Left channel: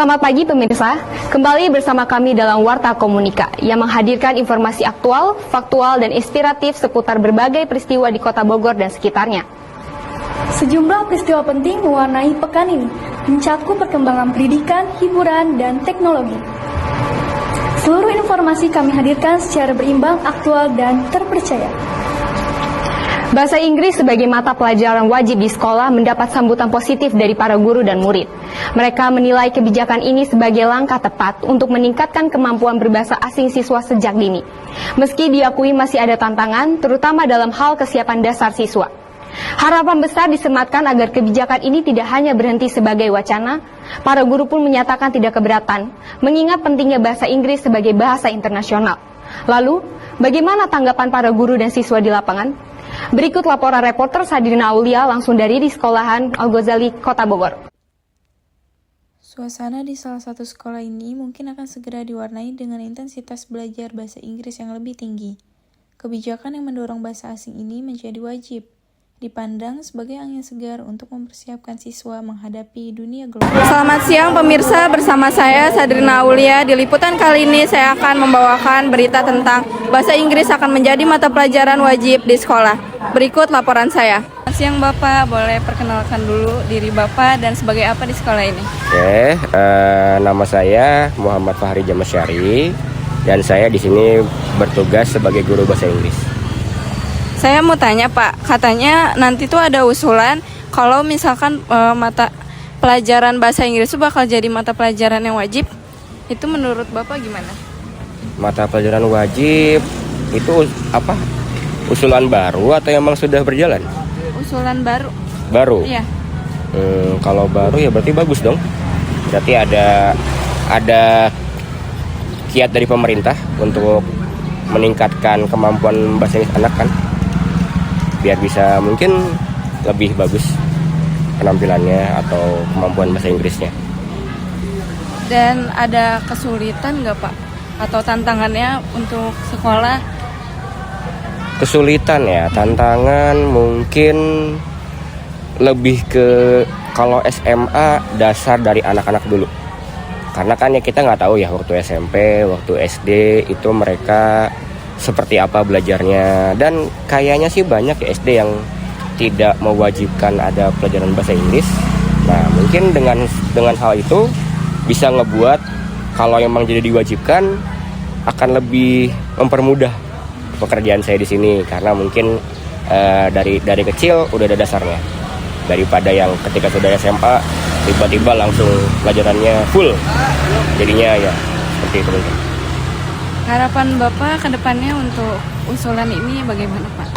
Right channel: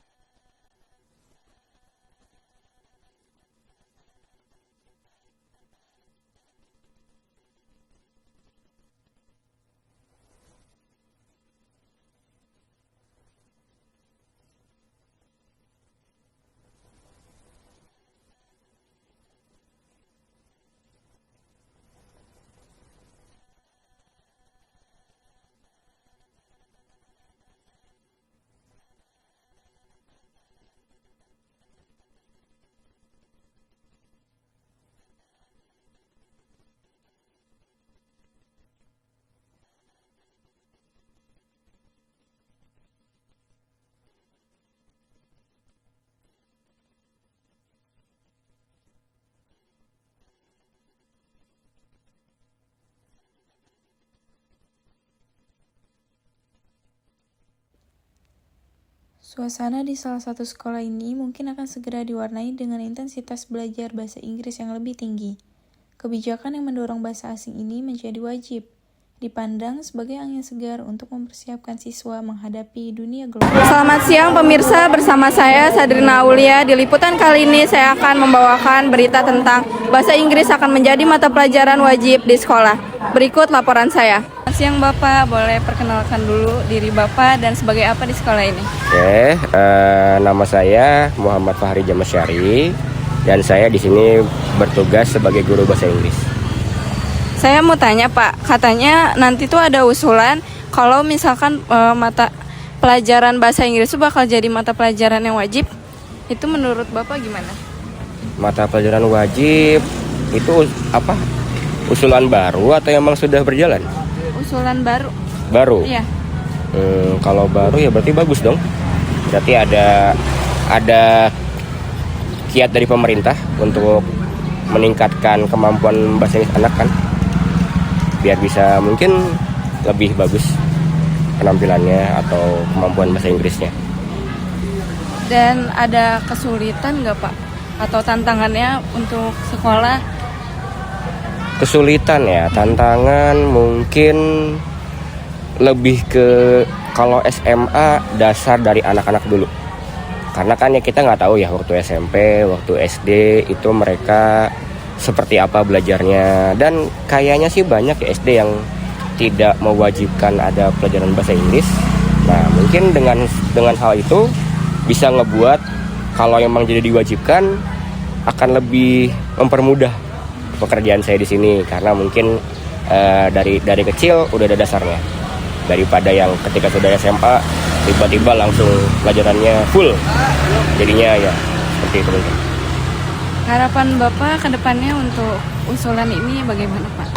Selamat pagi pemirsa, kembali bersama kami dalam Warta Komunika yang menghadirkan informasi aktual, faktual, dan inspiratif seputar berbagai peristiwa di Kota Bogor dan sekitarnya. Sejumlah peristiwa penting mewarnai pekan ini, mencakup perkembangan pendidikan, hiburan, dan teknologi. Seluruh informasi kami hadirkan secara berimbang, aktual, dan terpercaya. Bahasa Inggris sebagai mata pelajaran wajib di sekolah mendapat sambutan positif dari para guru dan murid. Mereka menilai kebijakan ini sebagai langkah tepat untuk meningkatkan kemampuan berbahasa asing siswa sejak dini. Meski diakui masih ada tantangan, terutama dalam hal kesiapan dasar siswa. Harapan besar disematkan agar kebijakan ini tidak hanya berhenti sebagai wacana, para guru pun menyatakan tidak keberatan, mengingat pentingnya bahasa Inggris sebagai bahasa internasional. Lalu, bagaimana tanggapan para guru dan siswa di lapangan? Berikut laporan reporter Sadrina Aulia langsung dari di sekolahan Al-Ghazali, Kota Bogor. Suasana di salah satu sekolah ini mungkin akan segera diwarnai dengan intensitas belajar bahasa Inggris yang lebih tinggi. Kebijakan yang mendorong bahasa asing ini menjadi wajib, dipandang sebagai angin segar untuk mempersiapkan siswa menghadapi dunia global. Selamat siang pemirsa, bersama saya Sadrina Aulia. Di liputan kali ini saya akan membawakan berita tentang bahasa Inggris akan menjadi mata pelajaran wajib di sekolah. Berikut laporan saya. Selamat siang Bapak, boleh perkenalkan dulu diri Bapak dan sebagai apa di sekolah ini? Oke, nama saya Muhammad Fahri Jamasyari dan saya di sini bertugas sebagai guru bahasa Inggris. Saya mau tanya Pak, katanya nanti tuh ada usulan kalau misalkan mata pelajaran bahasa Inggris itu bakal jadi mata pelajaran yang wajib. Itu menurut Bapak gimana? Mata pelajaran wajib itu apa? Usulan baru atau emang sudah berjalan? Usulan baru. Baru? Iya. Kalau baru ya berarti bagus dong. Berarti ada kiat dari pemerintah untuk meningkatkan kemampuan bahasa Inggris anak kan? Biar bisa mungkin lebih bagus penampilannya atau kemampuan bahasa Inggrisnya. Dan ada kesulitan nggak Pak? Atau tantangannya untuk sekolah? Kesulitan ya, tantangan mungkin lebih ke kalau SMA dasar dari anak-anak dulu. Karena kan ya kita nggak tahu ya waktu SMP, waktu SD itu mereka seperti apa belajarnya, dan kayaknya sih banyak ya SD yang tidak mewajibkan ada pelajaran bahasa Inggris. Nah mungkin dengan hal itu bisa ngebuat kalau memang jadi diwajibkan akan lebih mempermudah pekerjaan saya di sini, karena mungkin dari kecil udah ada dasarnya, daripada yang ketika sudah SMA tiba-tiba langsung pelajarannya full, jadinya ya seperti itu mungkin. Harapan Bapak ke depannya untuk usulan ini bagaimana Pak?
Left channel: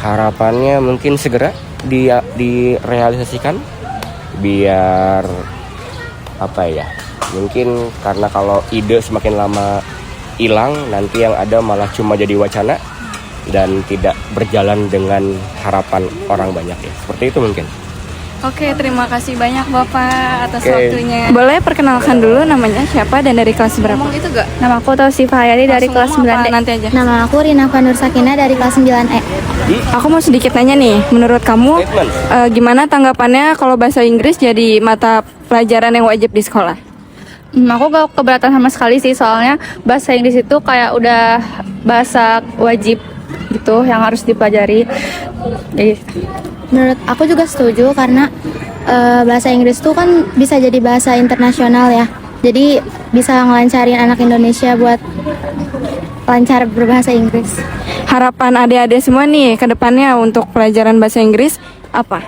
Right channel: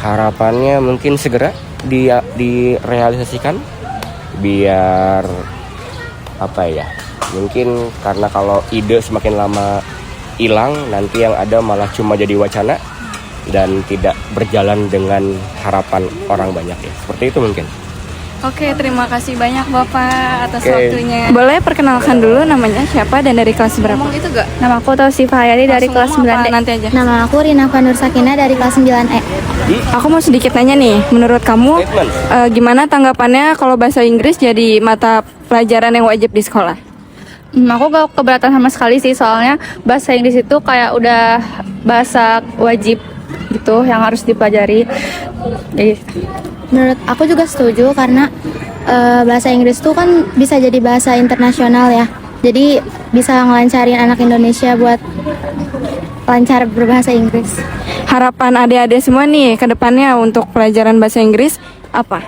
Harapannya mungkin segera direalisasikan biar apa ya, mungkin karena kalau ide semakin lama hilang, nanti yang ada malah cuma jadi wacana dan tidak berjalan dengan harapan orang banyak ya, seperti itu mungkin. Oke, terima kasih banyak Bapak atas waktunya. Boleh perkenalkan dulu namanya siapa dan dari kelas berapa? Ngomong itu gak? Nama aku Tausifah Hayati dari kelas 9D. Nanti aja. Nama aku Rina Fanur Sakina dari kelas 9E. Aku mau sedikit nanya nih, menurut kamu gimana tanggapannya kalau bahasa Inggris jadi mata pelajaran yang wajib di sekolah? Aku gak keberatan sama sekali sih, soalnya bahasa Inggris itu kayak udah bahasa wajib gitu yang harus dipelajari. Jadi, menurut aku juga setuju karena bahasa Inggris tuh kan bisa jadi bahasa internasional ya. Jadi bisa ngelancarin anak Indonesia buat lancar berbahasa Inggris. Harapan adik-adik semua nih ke depannya untuk pelajaran bahasa Inggris apa?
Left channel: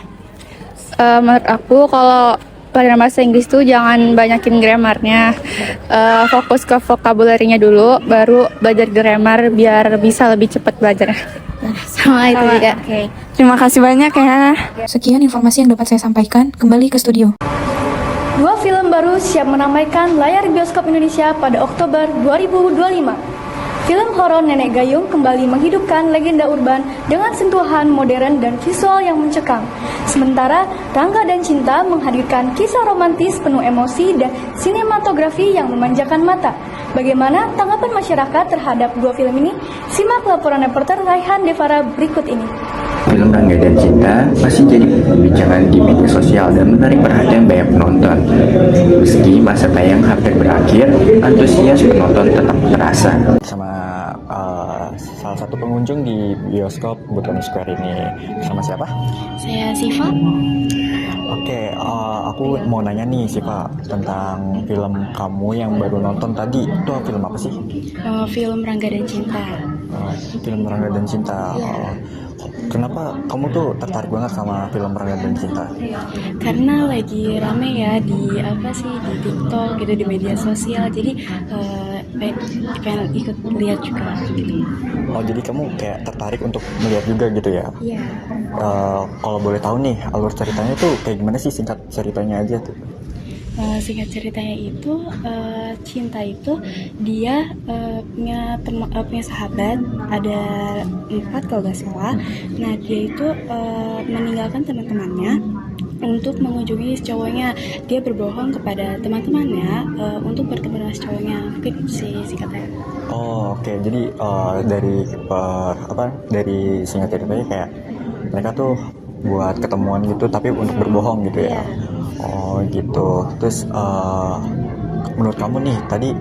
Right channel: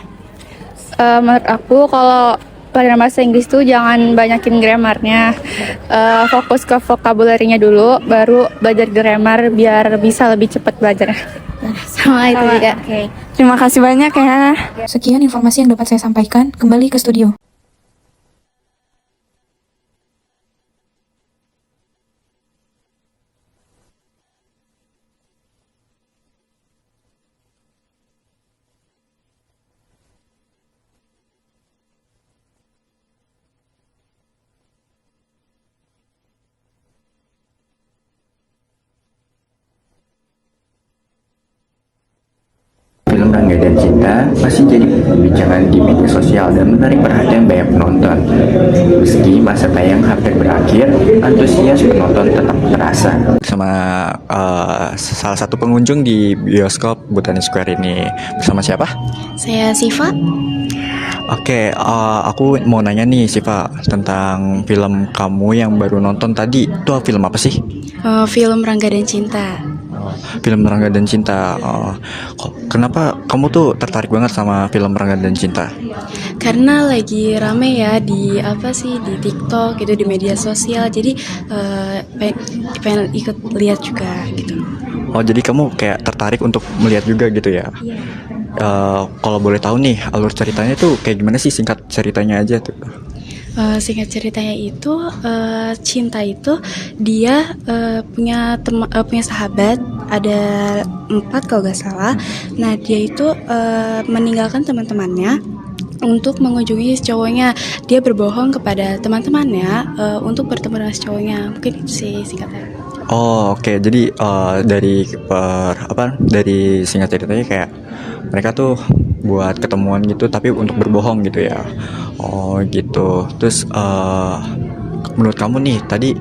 Menurut aku kalau pelajaran bahasa Inggris tuh jangan banyakin grammarnya, fokus ke vocabulary-nya dulu, baru belajar grammar biar bisa lebih cepat belajarnya. Sama itu juga. Okay. Terima kasih banyak ya. Sekian informasi yang dapat saya sampaikan. Kembali ke studio. Dua film baru siap meramaikan layar bioskop Indonesia pada Oktober 2025. Film horor Nenek Gayung kembali menghidupkan legenda urban dengan sentuhan modern dan visual yang mencekam. Sementara Rangga dan Cinta menghadirkan kisah romantis penuh emosi dan sinematografi yang memanjakan mata. Bagaimana tanggapan masyarakat terhadap dua film ini? Simak laporan reporter Raihan Devara berikut ini. film Rangga dan Cinta masih jadi perbincangan di media sosial dan menarik perhatian banyak penonton. Meski masa tayang hampir berakhir, antusias penonton tetap terasa. Sama salah satu pengunjung di bioskop Botani Square ini. Bersama siapa? Saya Siva. Oke, aku mau nanya nih Siva tentang film kamu yang baru nonton tadi. Itu film apa sih? Film Rangga dan Cinta. Film Rangga dan Cinta. Kenapa kamu tuh tertarik banget sama film Rangga dan Cinta? Karena lagi rame ya di di TikTok gitu, di media sosial. Jadi pengen ikut lihat juga gitu. Oh, jadi kamu kayak tertarik untuk melihat juga gitu ya? Iya. Kalau boleh tahu nih alur ceritanya tuh kayak gimana sih, singkat ceritanya aja tuh? Singkat ceritanya itu Cinta itu dia punya sahabat ada 4 kalau nggak salah. Nah dia itu meninggalkan teman-temannya untuk mengunjungi si cowoknya. Dia berbohong kepada teman-temannya untuk bertemu dengan si cowoknya. Mungkin itu sih singkatnya. Oh oke. Jadi dari singkat ceritanya kayak mereka tuh buat ketemuan gitu tapi untuk berbohong gitu ya. Oh gitu. Terus menurut kamu nih tadi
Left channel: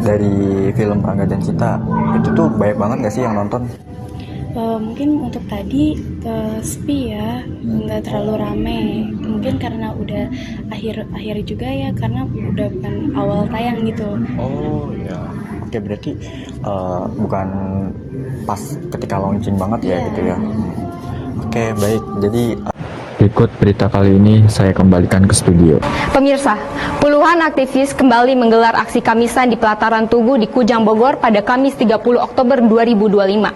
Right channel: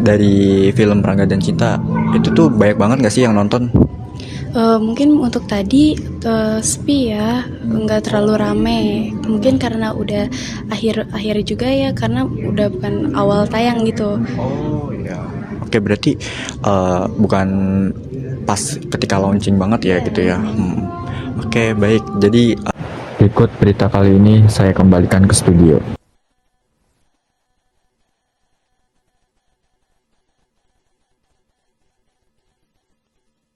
dari film Rangga dan Cinta itu tuh banyak banget gak sih yang nonton? Mungkin untuk tadi sepi ya, nggak terlalu rame. Mungkin karena udah akhir juga ya, karena udah bukan awal tayang gitu. Oh iya. Oke, berarti bukan pas ketika launching banget ya gitu ya. Oke, baik. Jadi berikut berita kali ini saya kembalikan ke studio. Pemirsa, puluhan aktivis kembali menggelar aksi Kamisan di pelataran Tugu di Kujang Bogor pada Kamis 30 Oktober 2025.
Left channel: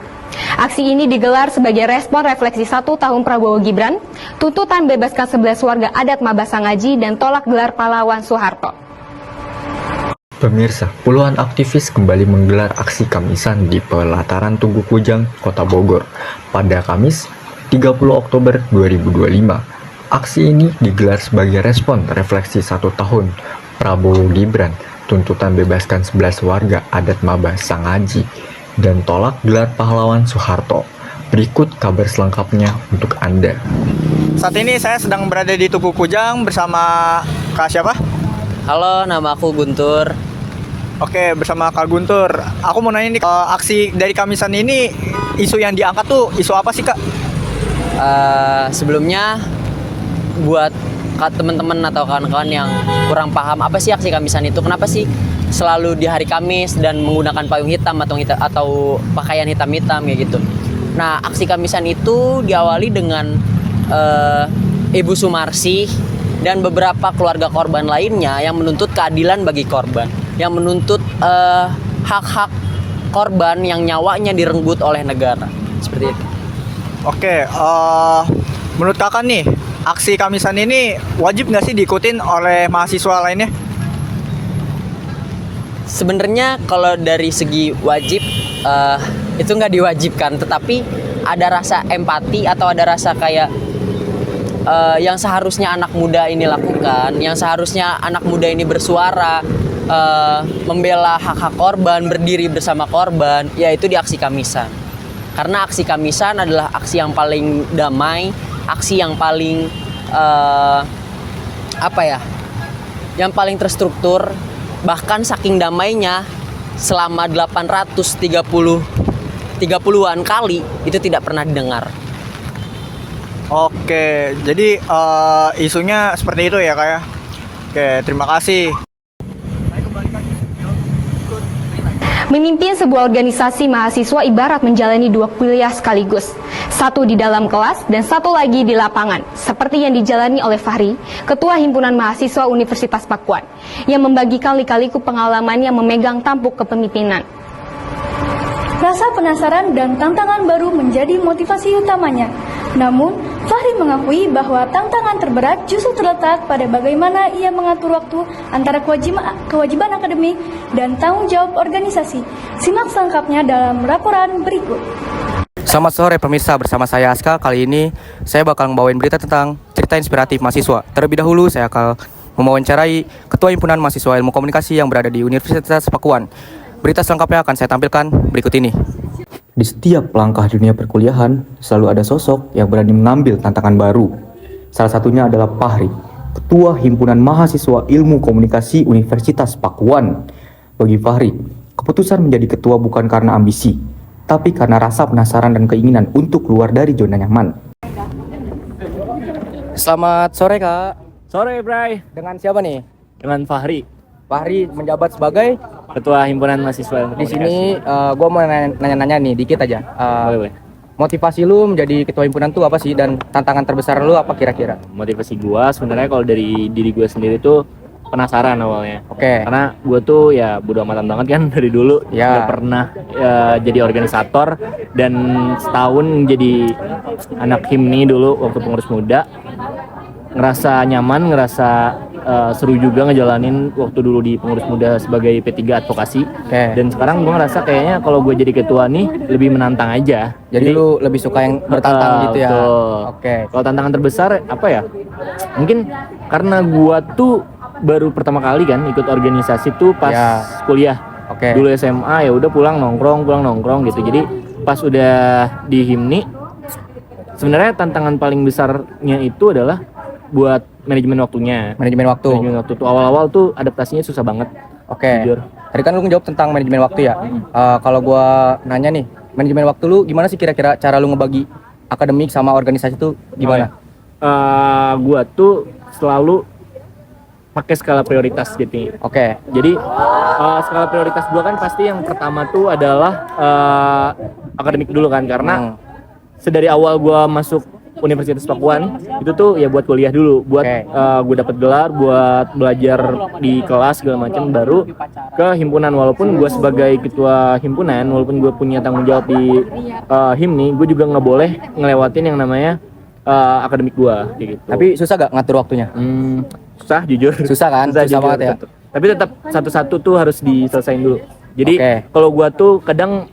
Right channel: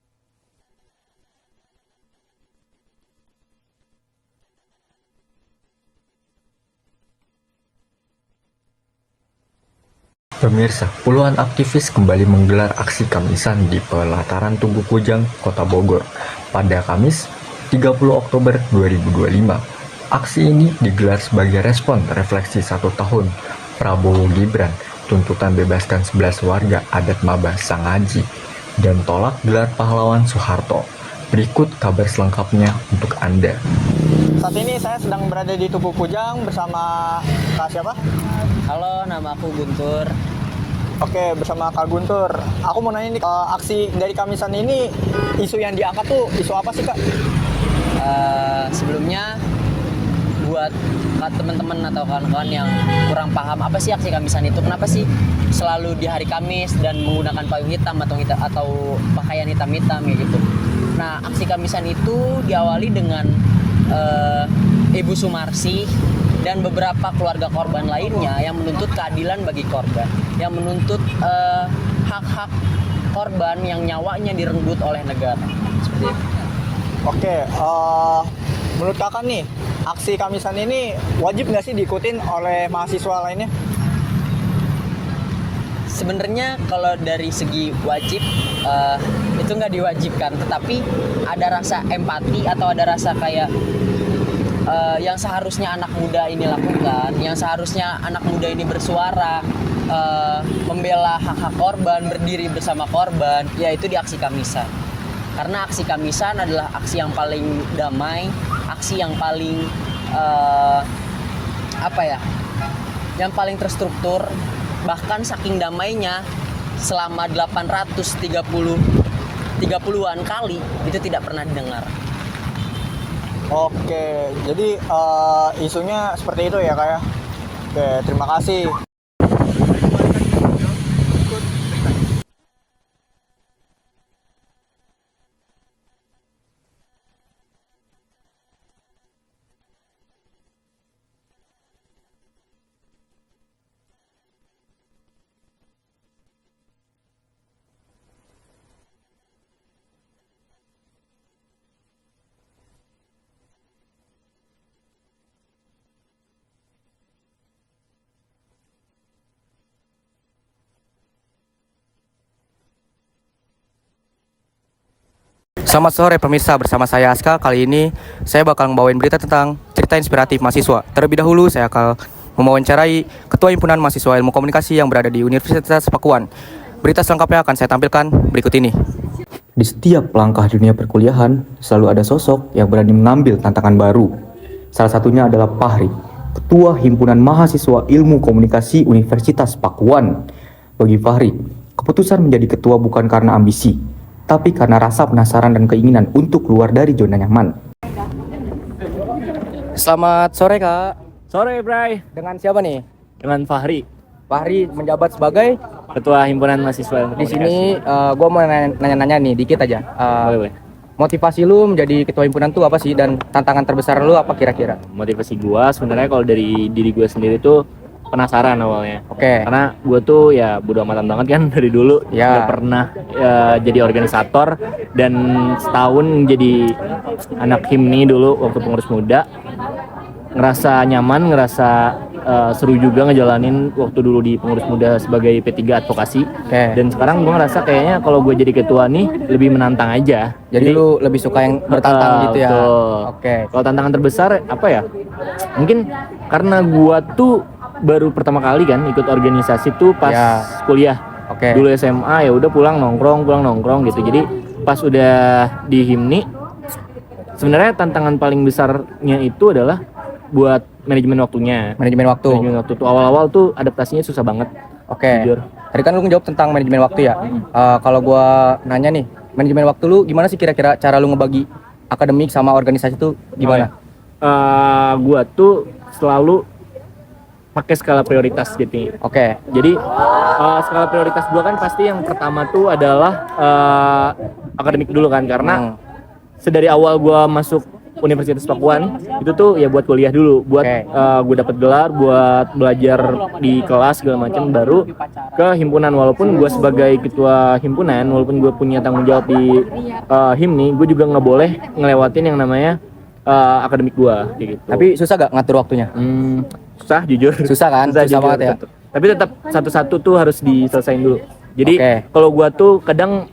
Aksi ini digelar sebagai respon refleksi 1 tahun Prabowo Gibran, tuntutan bebaskan 11 warga adat Mabasangaji, dan tolak gelar pahlawan Soeharto. Pemirsa, puluhan aktivis kembali menggelar aksi Kamisan di pelataran Tugu Kujang, Kota Bogor pada Kamis 30 Oktober 2025. Aksi ini digelar sebagai respon refleksi 1 tahun Prabowo Gibran, tuntutan bebaskan 11 warga adat Mabasangaji, dan tolak gelar pahlawan Soeharto. Berikut kabar selengkapnya untuk Anda. Saat ini saya sedang berada di Tugu Kujang bersama Kak siapa? Halo, nama aku Guntur. Oke, bersama Kak Guntur. Aku mau nanya nih, aksi dari Kamisan ini, isu yang diangkat tuh isu apa sih Kak? Sebelumnya buat teman-teman atau kawan-kawan yang kurang paham apa sih aksi Kamisan itu, kenapa sih selalu di hari Kamis dan menggunakan payung hitam atau pakaian hitam-hitam ya gitu. Nah, aksi Kamisan itu diawali dengan Ibu Sumarsih dan beberapa keluarga korban lainnya yang menuntut keadilan bagi korban, yang menuntut hak-hak korban yang nyawanya direnggut oleh negara, seperti itu. Oke, menurut kakak nih, aksi Kamisan ini wajib nggak sih diikutin oleh mahasiswa lainnya? Sebenarnya kalau dari segi wajib itu nggak diwajibkan, tetapi ada rasa empati atau ada rasa kayak yang seharusnya anak muda ini lakukan, yang seharusnya anak muda ini bersuara, membela hak-hak korban, berdiri bersama korban, yaitu di aksi Kamisan. Karena aksi Kamisan adalah aksi yang paling damai, aksi yang paling yang paling terstruktur. Bahkan saking damainya selama 830-an kali itu tidak pernah didengar. Oke, jadi isunya seperti itu ya Kak ya. Oke, terima kasih. Memimpin sebuah organisasi mahasiswa ibarat menjalani 2 kuliah sekaligus. Satu di dalam kelas dan satu lagi di lapangan. Seperti yang dijalani oleh Fahri, Ketua Himpunan Mahasiswa Universitas Pakuan, yang membagikan lika-liku pengalamannya memegang tampuk kepemimpinan. Rasa penasaran dan tantangan baru menjadi motivasi utamanya. Namun, Fahri mengakui bahwa tantangan terberat justru terletak pada bagaimana ia mengatur waktu antara kewajiban akademik dan tanggung jawab organisasi. Simak selengkapnya dalam laporan berikut. Selamat sore pemirsa, bersama saya Aska. Kali ini saya bakal membawain berita tentang cerita inspiratif mahasiswa. Terlebih dahulu saya akan mewawancarai Ketua Himpunan Mahasiswa Ilmu Komunikasi yang berada di Universitas Pakuan. Berita selengkapnya akan saya tampilkan berikut ini. Di setiap langkah dunia perkuliahan, selalu ada sosok yang berani mengambil tantangan baru. Salah satunya adalah Fahri, Ketua Himpunan Mahasiswa Ilmu Komunikasi Universitas Pakuan. Bagi Fahri, keputusan menjadi ketua bukan karena ambisi, tapi karena rasa penasaran dan keinginan untuk keluar dari zona nyaman. Selamat sore, Kak. Sore, Bray. Dengan siapa nih? Dengan Fahri, Fahri menjabat sebagai Ketua Himpunan Mahasiswa Ilmu di Komunikasi. sini. Gue mau nanya-nanya nih dikit aja. Boleh. Motivasi lu menjadi ketua himpunan tuh apa sih, dan tantangan terbesar lu apa kira-kira? Motivasi gua sebenarnya kalau dari diri gua sendiri tuh penasaran awalnya. Oke. Karena gua tuh ya bodo amatan banget kan dari dulu. Ya. Gak pernah jadi organisator, dan setahun jadi anak himni dulu waktu pengurus muda. Ngerasa nyaman, ngerasa seru juga ngejalanin waktu dulu di pengurus muda sebagai P3 advokasi. Dan sekarang gue ngerasa kayaknya kalau gue jadi ketua nih lebih menantang aja. Jadi lu lebih suka yang bertantang gitu ya? Oke. Kalau tantangan terbesar apa ya? Mungkin karena gue tuh baru pertama kali kan ikut organisasi tuh pas kuliah. Dulu SMA ya udah pulang nongkrong gitu. Jadi pas udah di himni, sebenarnya tantangan paling besarnya itu adalah buat manajemen waktunya. Manajemen waktu tuh awal-awal tuh adaptasinya susah banget. Jujur. Tadi kan lu ngejawab tentang manajemen waktu ya. Kalau gua nanya nih, manajemen waktu lu gimana sih kira-kira cara lu ngebagi akademik sama organisasi tuh gimana? Gua tuh selalu pakai skala prioritas gitu. Jadi skala prioritas gua kan pasti yang pertama tuh adalah akademik dulu kan, karena sedari awal gua masuk Universitas Pakuan itu tuh ya buat kuliah dulu, buat gue dapet gelar, buat belajar di kelas segala macam, baru ke himpunan. Walaupun gue sebagai ketua himpunan, walaupun gue punya tanggung jawab di himni, gue juga nggak boleh ngelewatin yang namanya akademik gue gitu. Tapi susah gak ngatur waktunya? Susah jujur. Susah kan? Susah banget ya. Tapi tetap satu-satu tuh harus diselesain dulu. Jadi kalau gue tuh kadang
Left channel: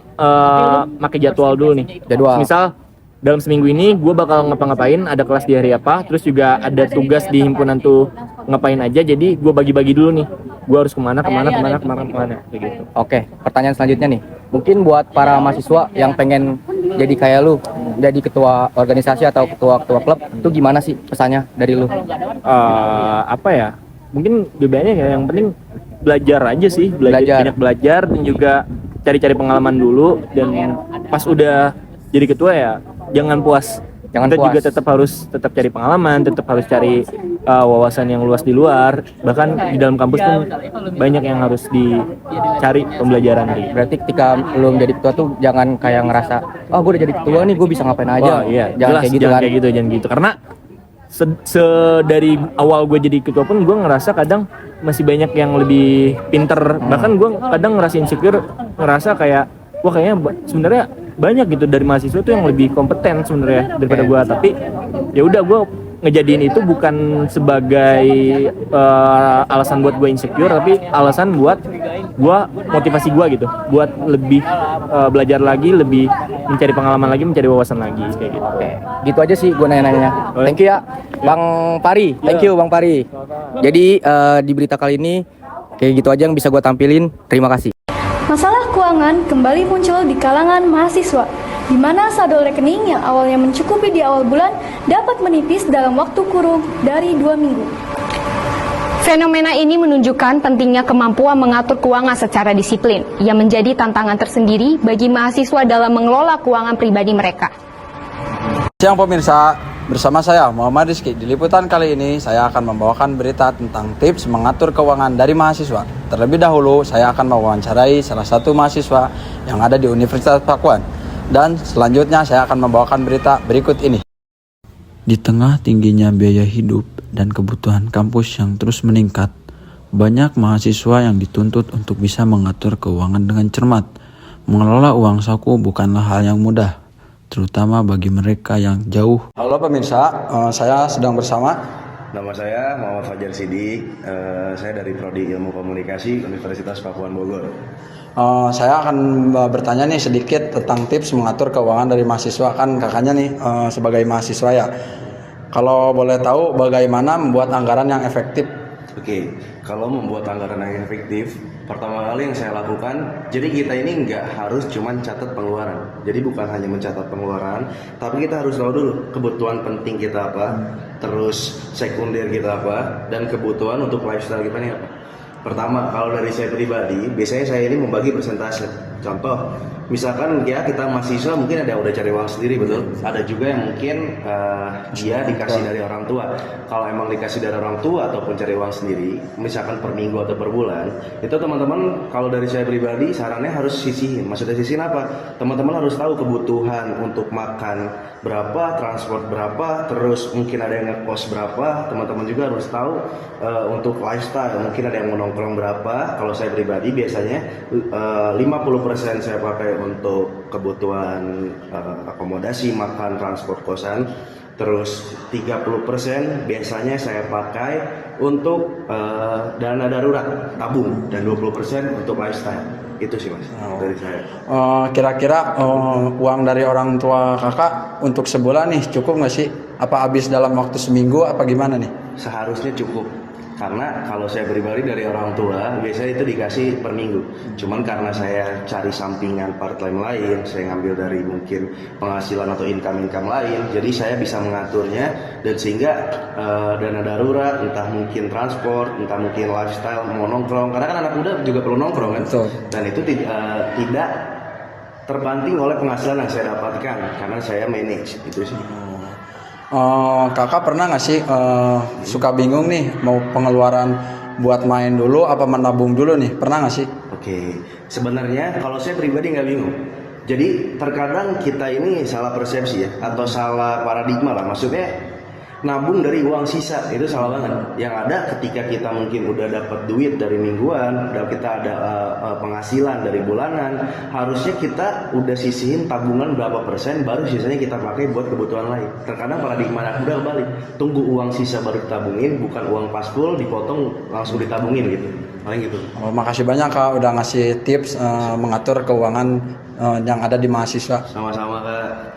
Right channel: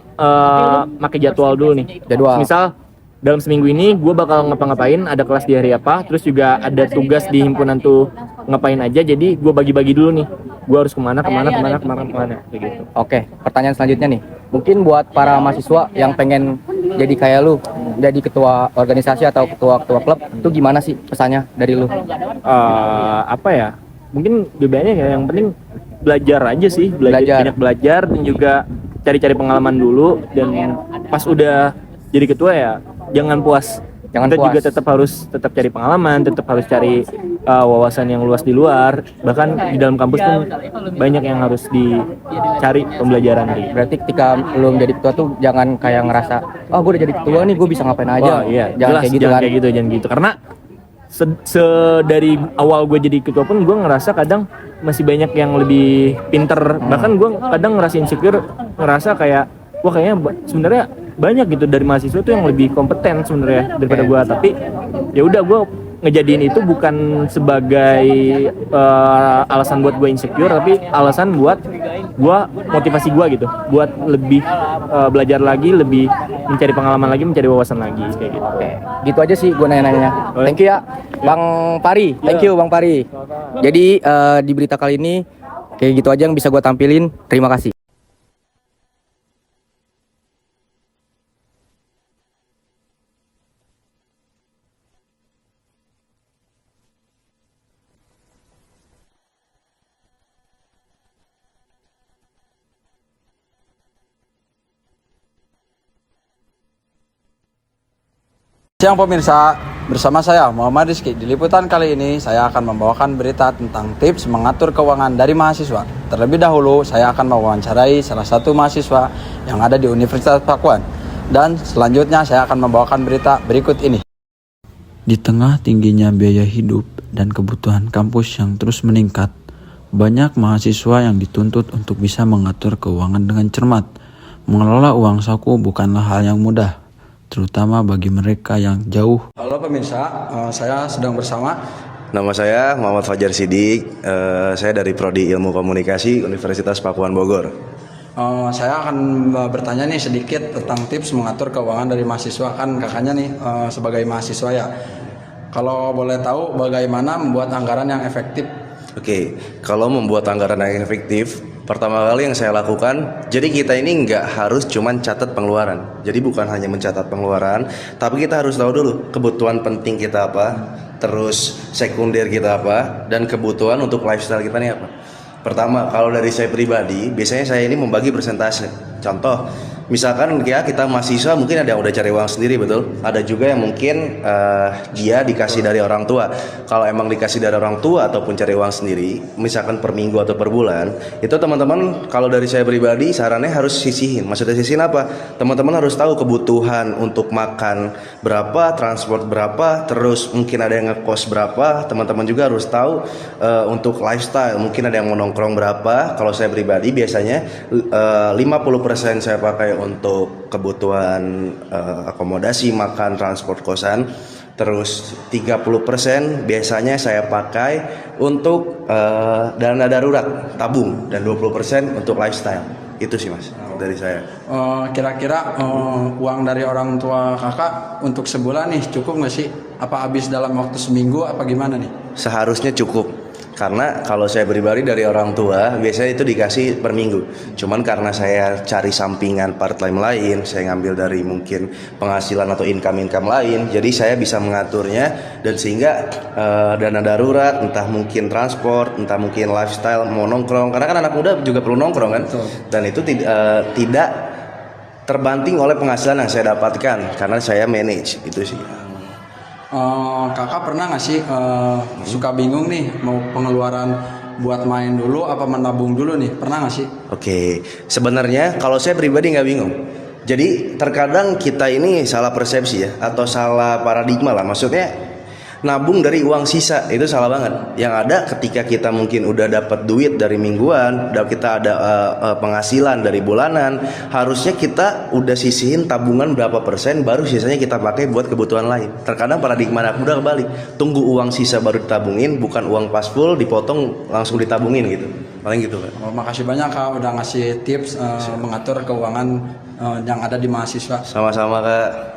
pakai jadwal dulu nih. Misal dalam seminggu ini gue bakal ngapa-ngapain, ada kelas di hari apa, terus juga ada tugas di himpunan tuh ngapain aja. Jadi gue bagi-bagi dulu nih, gue harus kemana kayak gitu. Oke, pertanyaan selanjutnya nih, mungkin buat para mahasiswa yang pengen jadi kayak lu, jadi ketua organisasi atau ketua klub, itu gimana sih pesannya dari lu? Apa ya, mungkin BBM-nya ya yang penting belajar aja sih, banyak belajar, dan juga cari-cari pengalaman dulu. Dan pas udah jadi ketua ya jangan puas. Kita juga tetap cari pengalaman, tetap harus cari wawasan yang luas di luar. Bahkan di dalam kampus pun banyak yang harus dicari pembelajaran. Berarti ketika lu menjadi ketua tuh jangan kayak ngerasa, gue udah jadi ketua nih, gue bisa ngapain aja. Jangan kayak gitu. Karena dari awal gue jadi ketua pun gue ngerasa kadang masih banyak yang lebih pinter. Bahkan gue kadang ngerasa insecure, ngerasa kayak wah kayaknya sebenarnya banyak gitu dari mahasiswa tuh yang lebih kompeten sebenarnya daripada gue. Tapi ya udah, gue ngejadiin itu bukan sebagai alasan buat gue insecure, tapi alasan buat gue motivasi gue gitu, buat lebih belajar lagi, lebih mencari pengalaman lagi, mencari wawasan lagi kayak gitu. Gitu aja sih gue nanya-nanya. Thank you ya Bang Pari. Thank you Bang Pari. Jadi di berita kali ini kayak gitu aja yang bisa gue tampilin. Terima kasih. Masalah keuangan kembali muncul di kalangan mahasiswa, di mana saldo rekening yang awalnya mencukupi di awal bulan dapat menipis dalam waktu kurun dari 2 minggu. Fenomena ini menunjukkan pentingnya kemampuan mengatur keuangan secara disiplin, yang menjadi tantangan tersendiri bagi mahasiswa dalam mengelola keuangan pribadi mereka. Siang pemirsa, bersama saya Muhammad Rizky. Di liputan kali ini saya akan membawakan berita tentang tips mengatur keuangan dari mahasiswa. Terlebih dahulu saya akan mewawancarai salah satu mahasiswa yang ada di Universitas Pakuan. Dan selanjutnya saya akan membawakan berita berikut ini. Di tengah tingginya biaya hidup dan kebutuhan kampus yang terus meningkat, banyak mahasiswa yang dituntut untuk bisa mengatur keuangan dengan cermat. Mengelola uang saku bukanlah hal yang mudah, terutama bagi mereka yang jauh. Halo pemirsa, saya sedang bersama. Nama saya Muhammad Fajar Sidik, saya dari Prodi Ilmu Komunikasi Universitas Pakuan Bogor. Saya akan bertanya nih sedikit tentang tips mengatur keuangan dari mahasiswa. Kan kakaknya nih sebagai mahasiswa ya. Kalau boleh tahu bagaimana membuat anggaran yang efektif? Oke, kalau membuat anggaran yang efektif, Pertama kali yang saya lakukan, jadi kita ini nggak harus cuman catat pengeluaran. Jadi bukan hanya mencatat pengeluaran, tapi kita harus tahu dulu kebutuhan penting kita apa, terus sekunder kita apa, dan kebutuhan untuk lifestyle kita nih apa. Pertama, kalau dari saya pribadi, biasanya saya ini membagi persentase. Contoh, misalkan ya kita mahasiswa mungkin ada yang udah cari uang sendiri, betul? Ada juga yang mungkin dia dikasih dari orang tua. Kalau emang dikasih dari orang tua ataupun cari uang sendiri, misalkan per minggu atau per bulan, itu teman-teman kalau dari saya pribadi sarannya harus sisihin. Maksudnya sisihin apa? Teman-teman harus tahu kebutuhan untuk makan berapa, transport berapa, terus mungkin ada yang ngekos berapa. Teman-teman juga harus tahu untuk lifestyle, mungkin ada yang mau nongkrong berapa. Kalau saya pribadi biasanya 50% saya pakai untuk kebutuhan akomodasi, makan, transport, kosan. Terus 30% biasanya saya pakai untuk dana darurat, tabung, dan 20% untuk lifestyle. Itu sih mas dari saya. Kira-kira uang dari orang tua kakak untuk sebulan nih cukup nggak sih? Apa habis dalam waktu seminggu apa gimana nih? Seharusnya cukup. Karena kalau saya pribadi dari orang tua biasanya itu dikasih per minggu. Cuman karena saya cari sampingan part time lain, saya ngambil dari mungkin penghasilan atau income lain, jadi saya bisa mengaturnya dan sehingga dana darurat, entah mungkin transport, entah mungkin lifestyle, mau nongkrong. Karena kan anak muda juga perlu nongkrong kan. Betul. Dan itu tidak terbanting oleh penghasilan yang saya dapatkan karena saya manage itu sih. Kakak pernah nggak sih suka bingung nih mau pengeluaran buat main dulu apa menabung dulu nih, pernah nggak sih? Oke, sebenarnya kalau saya pribadi nggak bingung. Jadi terkadang kita ini salah persepsi ya atau salah paradigma lah, maksudnya nabung dari uang sisa itu salah banget. Yang ada ketika kita mungkin udah dapat duit dari mingguan, kita ada penghasilan dari bulanan, harusnya kita udah sisihin tabungan berapa persen, baru sisanya kita pakai buat kebutuhan lain. Terkadang paradigma anak muda kembali, tunggu uang sisa baru ditabungin, bukan uang pas full dipotong langsung ditabungin gitu. Paling gitu. Makasih banyak kak udah ngasih tips mengatur keuangan yang ada di mahasiswa. Sama-sama kak.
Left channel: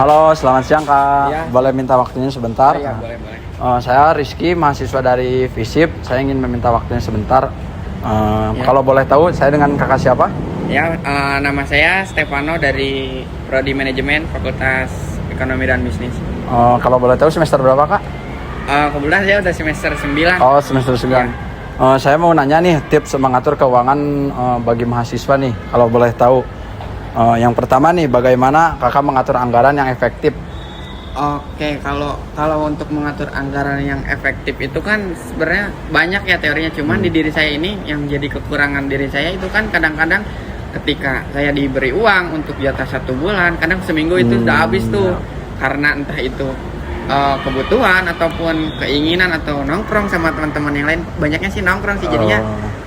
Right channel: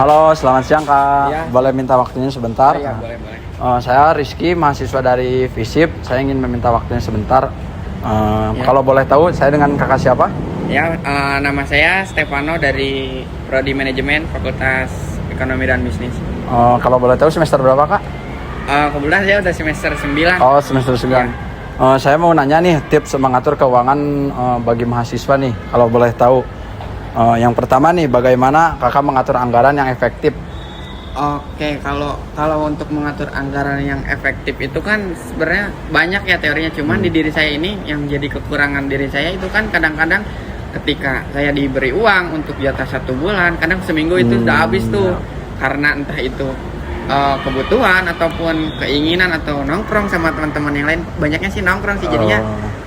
Halo, selamat siang Kak. Ya. Boleh minta waktunya sebentar? Iya, boleh. Saya Rizky, mahasiswa dari FISIP. Saya ingin meminta waktunya sebentar. Kalau boleh tahu, saya dengan kakak siapa? Ya, nama saya Stefano dari Prodi Manajemen Fakultas Ekonomi dan Bisnis. Kalau boleh tahu semester berapa Kak? Kebetulan saya udah semester 9. Oh, semester 9. Ya. Saya mau nanya nih tips mengatur keuangan bagi mahasiswa nih. Kalau boleh tahu. Yang pertama nih, bagaimana kakak mengatur anggaran yang efektif? Oke, kalau untuk mengatur anggaran yang efektif itu kan sebenarnya banyak ya teorinya. Cuman di diri saya ini yang jadi kekurangan diri saya itu kan kadang-kadang ketika saya diberi uang untuk jatah 1 bulan, kadang seminggu itu sudah habis tuh. Karena entah itu kebutuhan ataupun keinginan atau nongkrong sama teman-teman yang lain. Banyaknya sih nongkrong sih, jadinya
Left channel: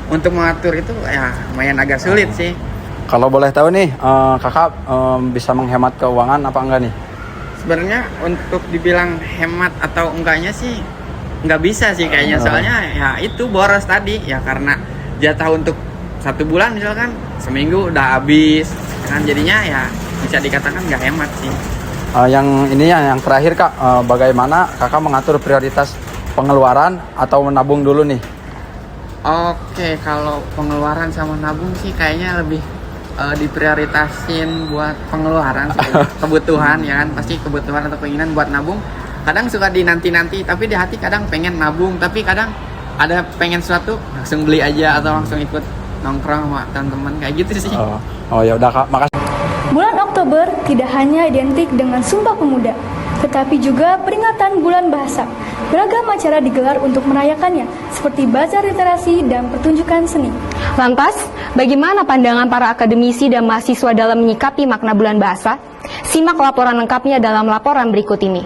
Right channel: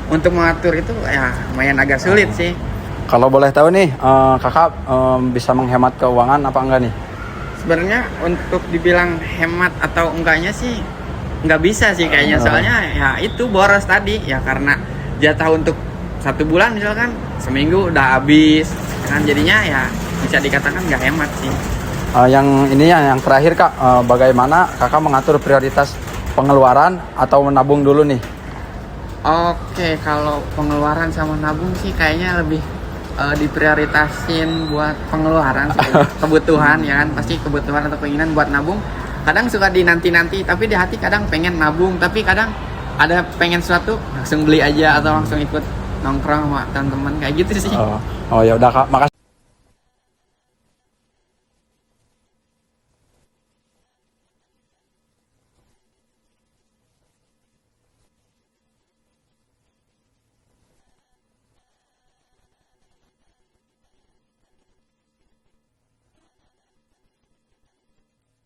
untuk mengatur itu ya lumayan agak sulit sih. Kalau boleh tahu nih, kakak bisa menghemat keuangan apa enggak nih? Sebenarnya untuk dibilang hemat atau enggaknya sih nggak bisa sih kayaknya. Soalnya ya itu boros tadi ya, karena jatah untuk 1 bulan misalkan seminggu udah habis kan, jadinya ya bisa dikatakan nggak hemat sih. Yang ini yang terakhir kak, bagaimana kakak mengatur prioritas pengeluaran atau menabung dulu nih? Oke, kalau pengeluaran sama nabung sih kayaknya lebih diprioritasin buat pengeluaran kebutuhan ya kan, pasti kebutuhan atau keinginan. Buat nabung kadang suka dinanti-nanti, tapi di hati kadang pengen nabung, tapi kadang ada pengen sesuatu langsung beli aja atau langsung ikut nongkrong sama teman-teman kayak gitu sih. Ya udah kak, makasih. Bulan Oktober tidak hanya identik dengan Sumpah Pemuda, tetapi juga peringatan Bulan Bahasa. Beragam acara digelar untuk merayakannya, seperti bazar literasi dan pertunjukan seni. Lantas, bagaimana pandangan para akademisi dan mahasiswa dalam menyikapi makna Bulan Bahasa? Simak laporan lengkapnya dalam laporan berikut ini.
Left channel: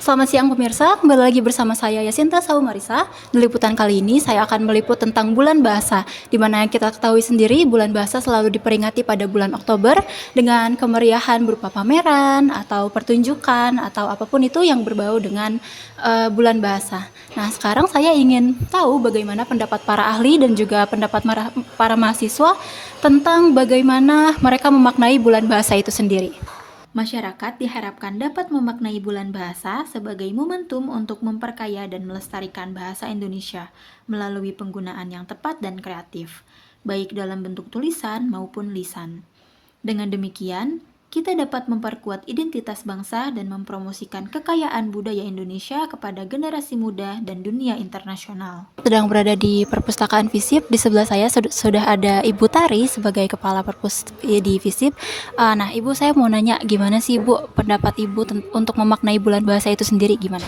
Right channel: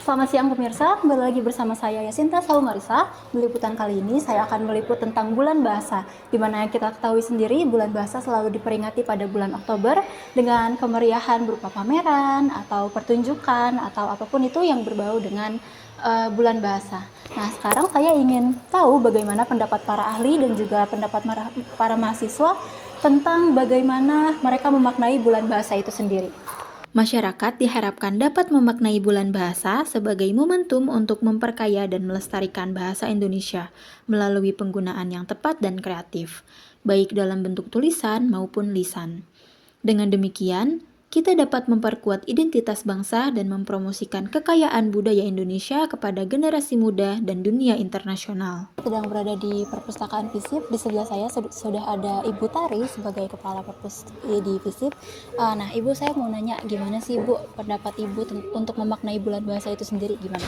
Selamat siang pemirsa, kembali lagi bersama saya Yasinta Saumarisa. Di liputan kali ini saya akan meliput tentang Bulan Bahasa, di mana kita ketahui sendiri Bulan Bahasa selalu diperingati pada bulan Oktober dengan kemeriahan berupa pameran atau pertunjukan atau apapun itu yang berbau dengan Bulan Bahasa. Nah, sekarang saya ingin tahu bagaimana pendapat para ahli dan juga pendapat para mahasiswa tentang bagaimana mereka memaknai Bulan Bahasa itu sendiri. Masyarakat diharapkan dapat memaknai bulan bahasa sebagai momentum untuk memperkaya dan melestarikan bahasa Indonesia melalui penggunaan yang tepat dan kreatif, baik dalam bentuk tulisan maupun lisan. Dengan demikian, kita dapat memperkuat identitas bangsa dan mempromosikan kekayaan budaya Indonesia kepada generasi muda dan dunia internasional. Sedang berada di perpustakaan FISIP, di sebelah saya sudah ada Ibu Tari sebagai kepala perpus di FISIP. Nah, Ibu, saya mau nanya gimana sih Ibu pendapat Ibu untuk memaknai bulan bahasa itu sendiri gimana?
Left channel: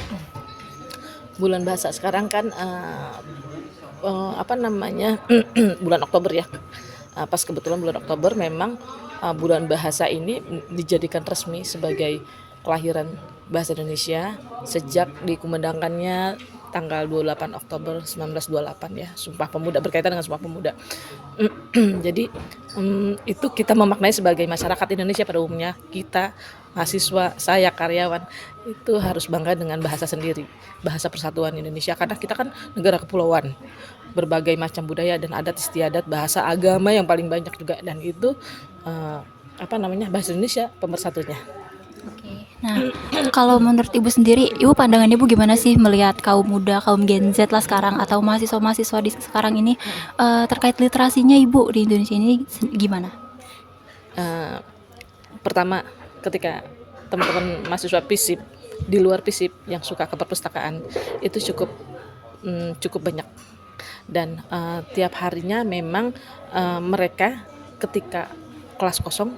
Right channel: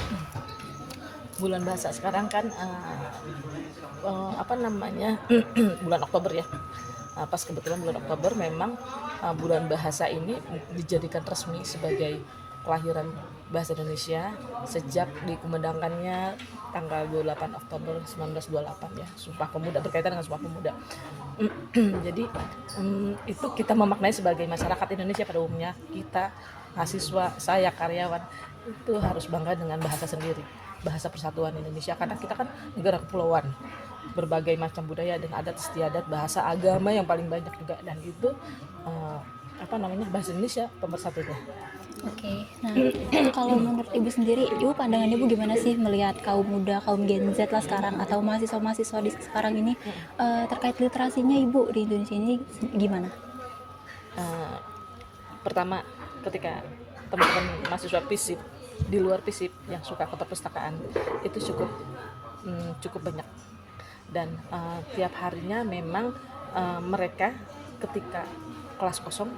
Bulan bahasa sekarang kan bulan Oktober ya. Pas kebetulan bulan Oktober memang bulan bahasa ini dijadikan resmi sebagai kelahiran bahasa Indonesia sejak dikumandangkannya tanggal 28 Oktober 1928 ya, Sumpah Pemuda, berkaitan dengan Sumpah Pemuda. Jadi itu kita memaknai sebagai masyarakat Indonesia pada umumnya, kita mahasiswa, saya karyawan itu harus bangga dengan bahasa sendiri, bahasa persatuan Indonesia, karena kita kan negara kepulauan, berbagai macam budaya dan adat istiadat, bahasa agama yang paling banyak juga, dan itu bahasa Indonesia pemersatunya. Oke. Nah, kalau menurut Ibu sendiri, Ibu pandangan Ibu gimana sih melihat kaum muda, kaum Gen Z lah sekarang atau mahasiswa-mahasiswa di sekarang ini terkait literasinya Ibu di Indonesia ini gimana? Pertama, ketika teman-teman mahasiswa FISIP di luar FISIP yang suka ke perpustakaan itu cukup banyak, dan tiap harinya memang mereka ketika kelas kosong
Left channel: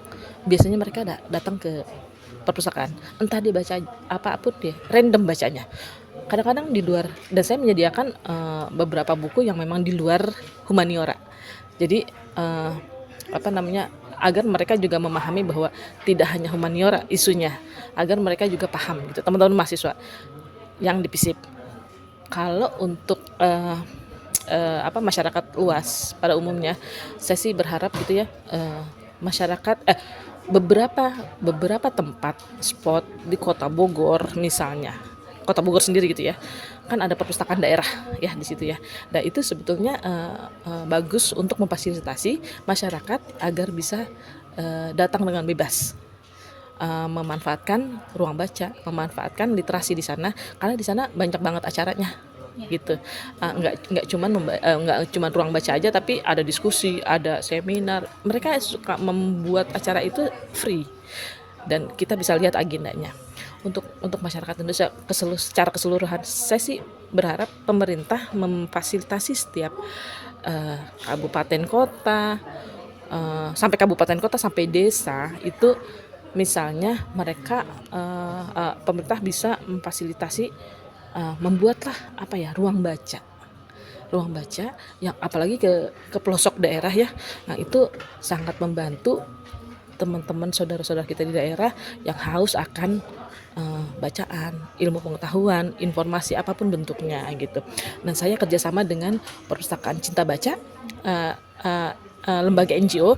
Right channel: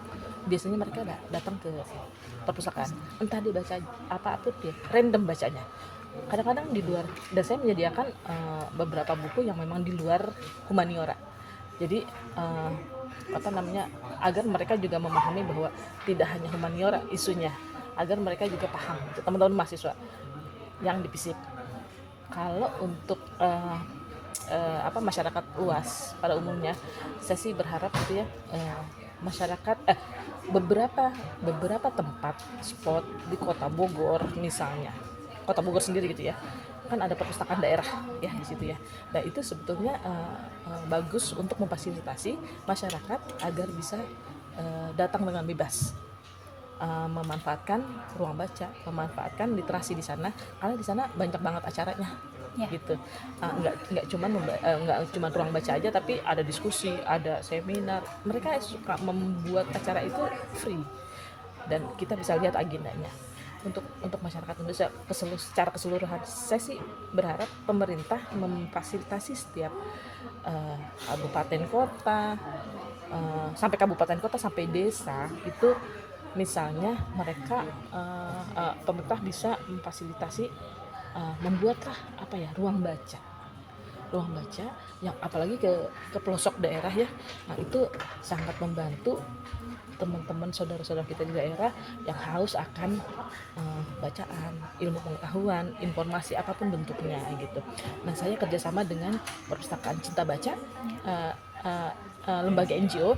biasanya mereka datang ke perpustakaan, entah dia baca apapun, dia random bacanya. Kadang-kadang di luar, dan saya menyediakan beberapa buku yang memang di luar humaniora. Jadi agar mereka juga memahami bahwa tidak hanya humaniora isunya, agar mereka juga paham gitu, teman-teman mahasiswa yang di FISIP. Kalau untuk masyarakat luas pada umumnya, saya sih berharap gitu ya, masyarakat beberapa tempat spot di Kota Bogor misalnya, Kota Bogor sendiri gitu ya, kan ada perpustakaan daerah ya di situ ya. Nah, itu sebetulnya bagus untuk memfasilitasi masyarakat agar bisa datang dengan bebas, memanfaatkan ruang baca, memanfaatkan literasi di sana, karena di sana banyak banget acaranya. Gitu, nggak cuma ruang baca aja, tapi ada diskusi, ada seminar. Mereka suka membuat acara itu free, dan kita bisa lihat agendanya. Untuk masyarakat Indonesia secara keseluruhan, saya sih berharap pemerintah memfasilitasi setiap kabupaten kota, sampai kabupaten kota sampai desa itu, misalnya mereka pemerintah bisa memfasilitasi membuatlah ruang baca yang apalagi ke pelosok daerah ya. Nah, itu sangat membantu teman-teman saudara-saudara kita di daerah yang haus akan bacaan, ilmu pengetahuan, informasi apapun bentuknya gitu. Dan saya kerjasama dengan Perpustakaan Cinta Baca, lembaga NGO.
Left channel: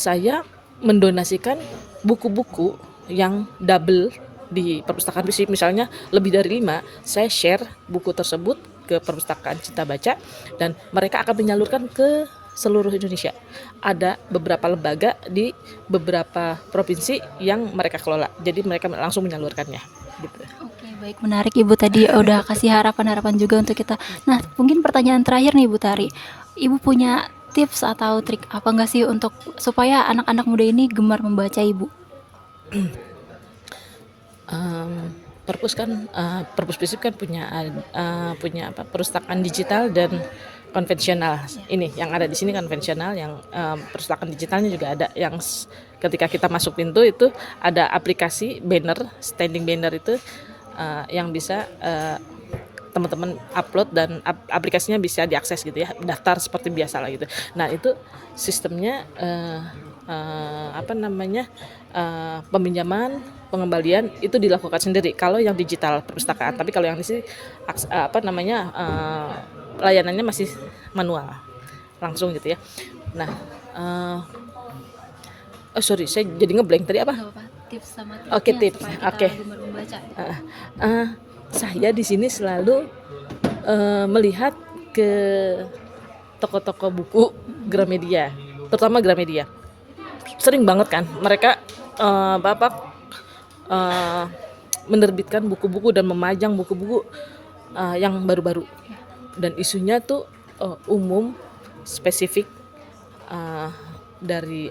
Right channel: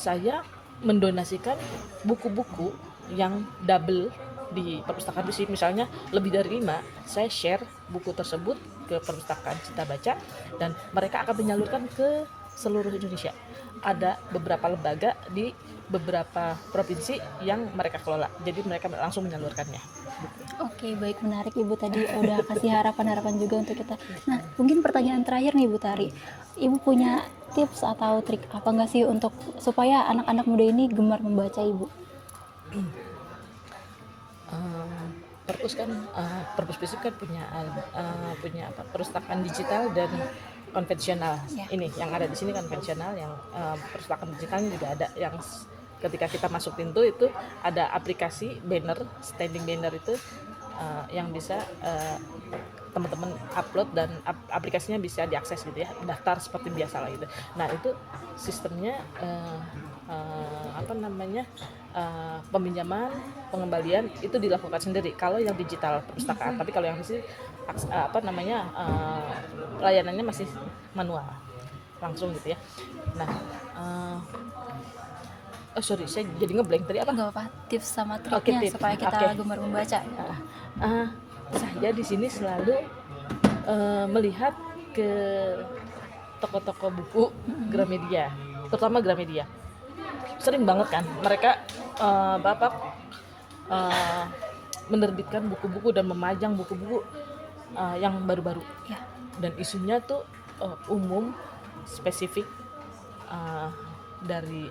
Saya mendonasikan buku-buku yang double di perpustakaan FISIP, misalnya lebih dari 5, saya share buku tersebut ke Perpustakaan Cinta Baca, dan mereka akan menyalurkan ke seluruh Indonesia. Ada beberapa lembaga di beberapa provinsi yang mereka kelola, jadi mereka langsung menyalurkannya gitu. Oke, baik, menarik Ibu tadi udah kasih harapan juga untuk kita. Nah, mungkin pertanyaan terakhir nih Ibu Tari, Ibu punya tips atau trik apa enggak sih untuk supaya anak-anak muda ini gemar membaca Ibu? Perpus FISIP kan punya perpustakaan digital dan konvensional. Ini yang ada di sini konvensional, yang perpustakaan digitalnya juga ada, yang ketika kita masuk pintu itu ada aplikasi banner, standing banner itu yang bisa teman-teman upload, dan aplikasinya bisa diakses gitu ya, daftar seperti biasa lah gitu. Nah, itu sistemnya peminjaman, pengembalian itu dilakukan sendiri kalau yang digital perpustakaan. Tapi kalau yang di sini layanannya masih manual, langsung gitu ya. Nah, saya jadi ngeblank tadi apa? Gak apa, tips sama triknya supaya kita gemar membaca. Saya di sini selalu melihat ke toko-toko buku Gramedia, terutama Gramedia. Sering banget kan mereka Bapak menerbitkan buku-buku dan memajang buku-buku yang baru-baru, dan isunya tuh umum, spesifik, dari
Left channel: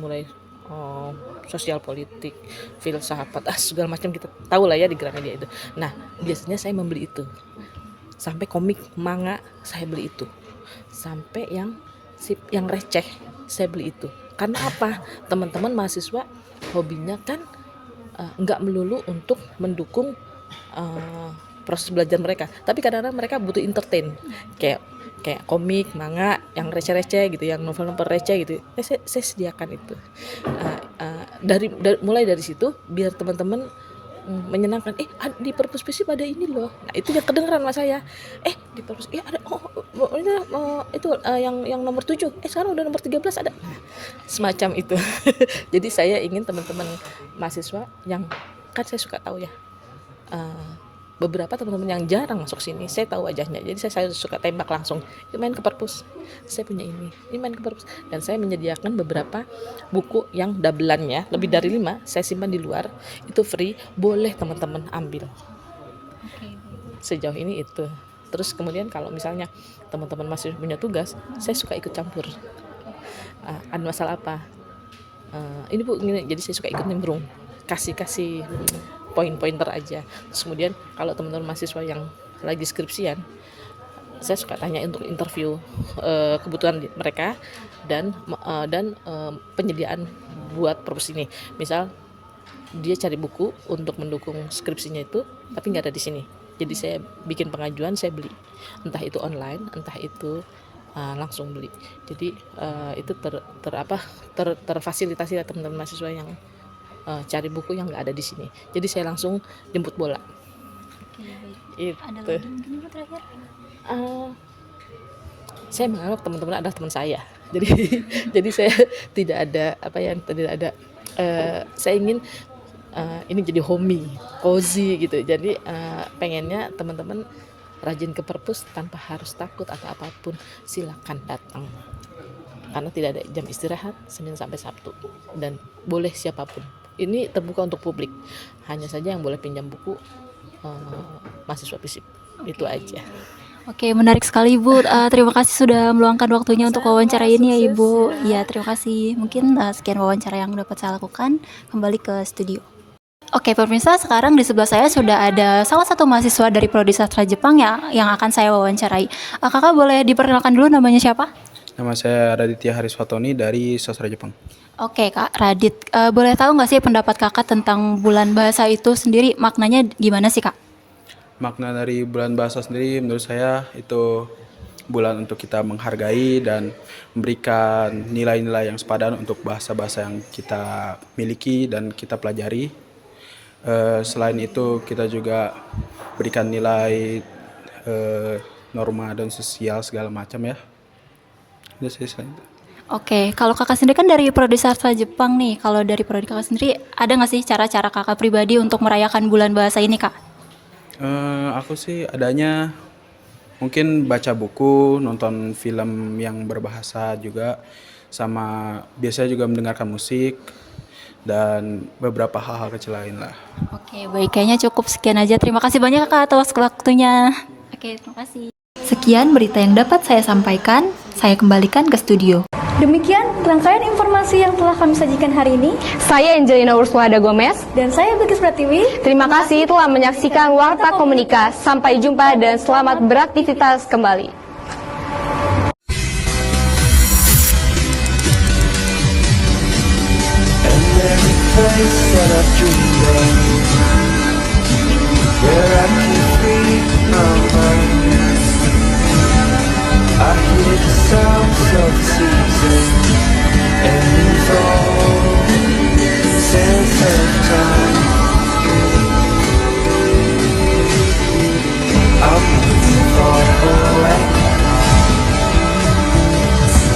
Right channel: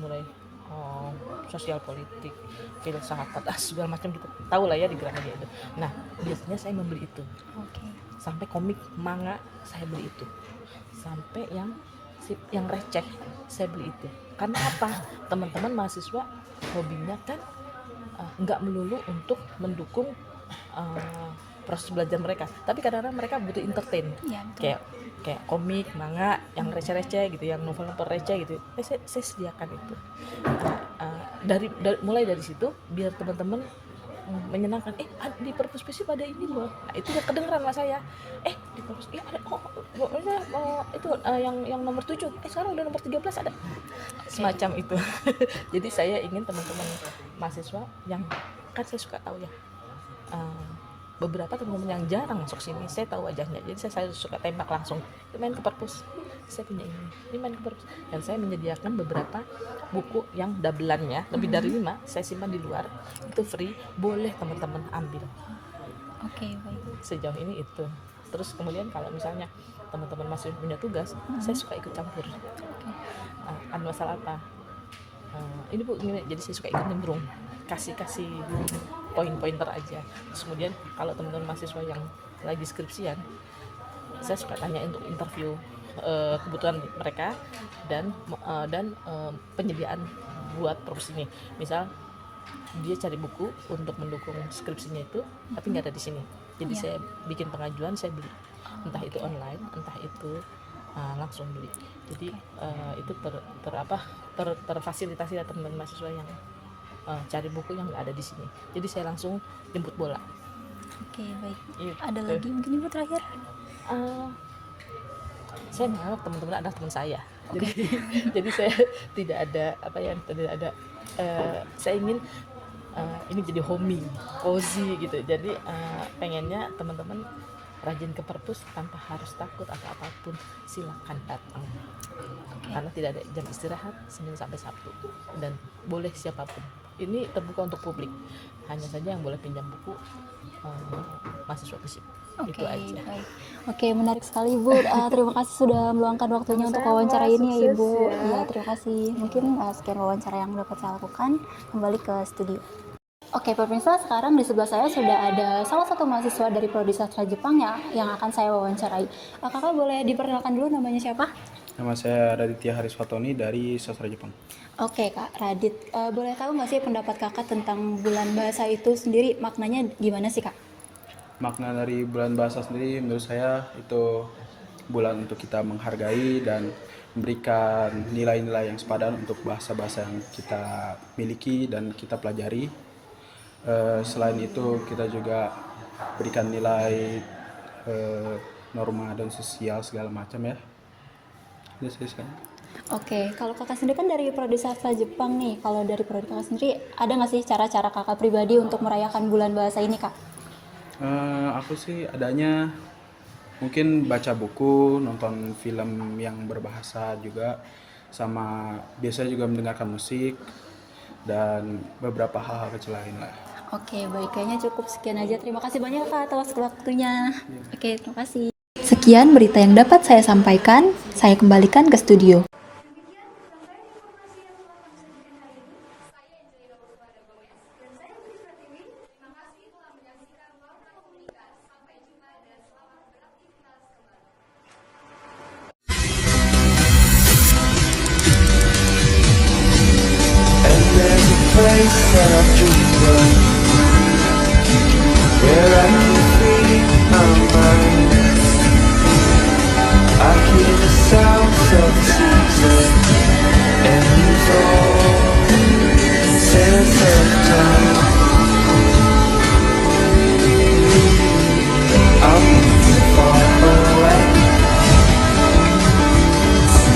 mulai sosial politik, filsafat, segala macam kita tahu lah ya di Gramedia itu. Nah, biasanya saya membeli itu. Sampai komik, manga saya beli itu. Sampai yang receh saya beli itu. Karena apa? Teman-teman mahasiswa hobinya kan nggak melulu untuk mendukung proses belajar mereka, tapi kadang-kadang mereka butuh entertain, kayak komik, manga yang receh-receh gitu, yang novel-novel receh gitu. Saya sediakan itu. Mulai dari situ biar teman-teman menyenangkan. Di perpus FISIP ada ini loh. Nah, itu yang kedengeran sama saya. Di perpus ada itu yang nomor 7. Sekarang udah nomor 13 ada. Semacam itu. Jadi saya ingin teman-teman mahasiswa yang kan saya suka tahu ya. Beberapa teman-teman yang jarang masuk sini, saya tahu wajahnya. Jadi saya suka tembak langsung. Main ke perpus. Saya punya ini main ke perpus. Dan saya menyediakan beberapa buku yang dabelannya lebih dari 5, saya simpan di luar. Itu free, boleh teman-teman ambil. Oke, baik. Sejauh ini itu. Terus kemudian kalau misalnya teman-teman masih punya tugas, saya suka ikut campur. Ada masalah apa? Ini Bu, gini. Jadi saya suka ikut nimbrung. Kasih poin-pointer aja. Terus kemudian kalau teman-teman mahasiswa yang lagi skripsian, saya suka tanya untuk interview kebutuhan mereka dan penyediaan buat perpus ini. Misal dia cari buku untuk mendukung skripsinya itu, tapi nggak ada di sini. Jadi saya bikin pengajuan, saya beli. Entah itu online, entah itu langsung beli. Jadi itu terfasilitasi ya teman-teman mahasiswa yang cari buku yang nggak ada di sini. Jadi saya langsung jemput bola. Oke, baik. Itu. Ada lagi mungkin Ibu terakhir? Saya menganggap teman-teman adalah teman saya. Jadi saya tidak ada saya ingin ini jadi homey, cozy gitu. Jadi pengennya teman-teman rajin ke perpus tanpa harus takut atau apapun, silakan datang. Karena tidak ada jam istirahat Senin sampai Sabtu dan boleh siapapun. Ini terbuka untuk publik. Hanya saja yang boleh pinjam buku mahasiswa FISIP. Itu aja. Oke, menarik sekali Ibu. Terima kasih sudah meluangkan waktunya untuk wawancara ini ya Ibu. Ya, terima kasih. Mungkin sekian wawancara yang dapat saya lakukan. Kembali ke studio. Oke, pemirsa, sekarang di sebelah saya sudah ada salah satu mahasiswa dari Prodi Sastra Jepang yang akan saya wawancarai. Kakak boleh diperkenalkan dulu namanya siapa? Nama saya Raditya Harisfatoni dari Sastra Jepang. Oke Kak Radit, boleh tahu nggak sih pendapat Kakak tentang bulan bahasa itu sendiri, maknanya gimana sih Kak? Makna dari bulan bahasa sendiri menurut saya itu bulan untuk kita menghargai dan memberikan nilai-nilai yang sepadan untuk bahasa-bahasa yang kita miliki dan kita pelajari. Selain itu kita juga berikan nilai norma dan sosial segala macam ya. Oke, kalau Kakak sendiri kan dari Prodi Sastra Jepang nih. Kalau dari Prodi Kakak sendiri ada nggak sih cara-cara Kakak pribadi untuk merayakan bulan bahasa ini Kak? Aku sih adanya mungkin baca buku, nonton film yang berbahasa juga, sama biasanya juga mendengarkan musik dan beberapa hal-hal kecil lain lah. Oke, baik, kayaknya cukup sekian aja. Terima kasih banyak Kak atas waktunya. Oke, terima kasih. Sekian berita yang dapat saya sampaikan. Saya kembalikan ke studio. Demikian rangkaian informasi yang telah kami sajikan hari ini. Saya Angelina Ursulada Gomez. Dan saya Bilkis Pratiwi. Terima kasih telah menyaksikan Warta Komunika. Sampai jumpa dan selamat beraktivitas kembali. I hear the sounds of the season and lose all sense of time. I'm moving far away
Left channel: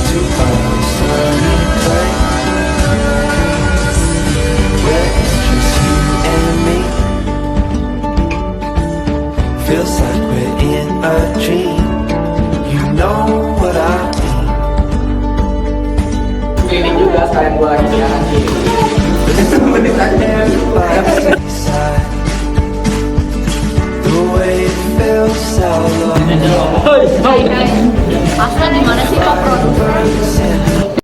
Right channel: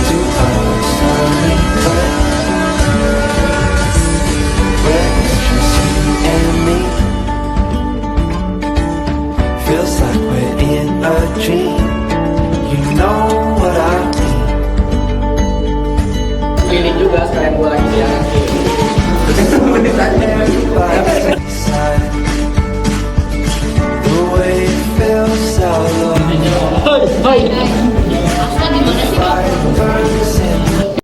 to a sunny place where it's just you and me. Feels like we're in a dream. You know what I mean. Ini juga sekalian gue lagi siaran. The way it feels out low. Asla gimana sih?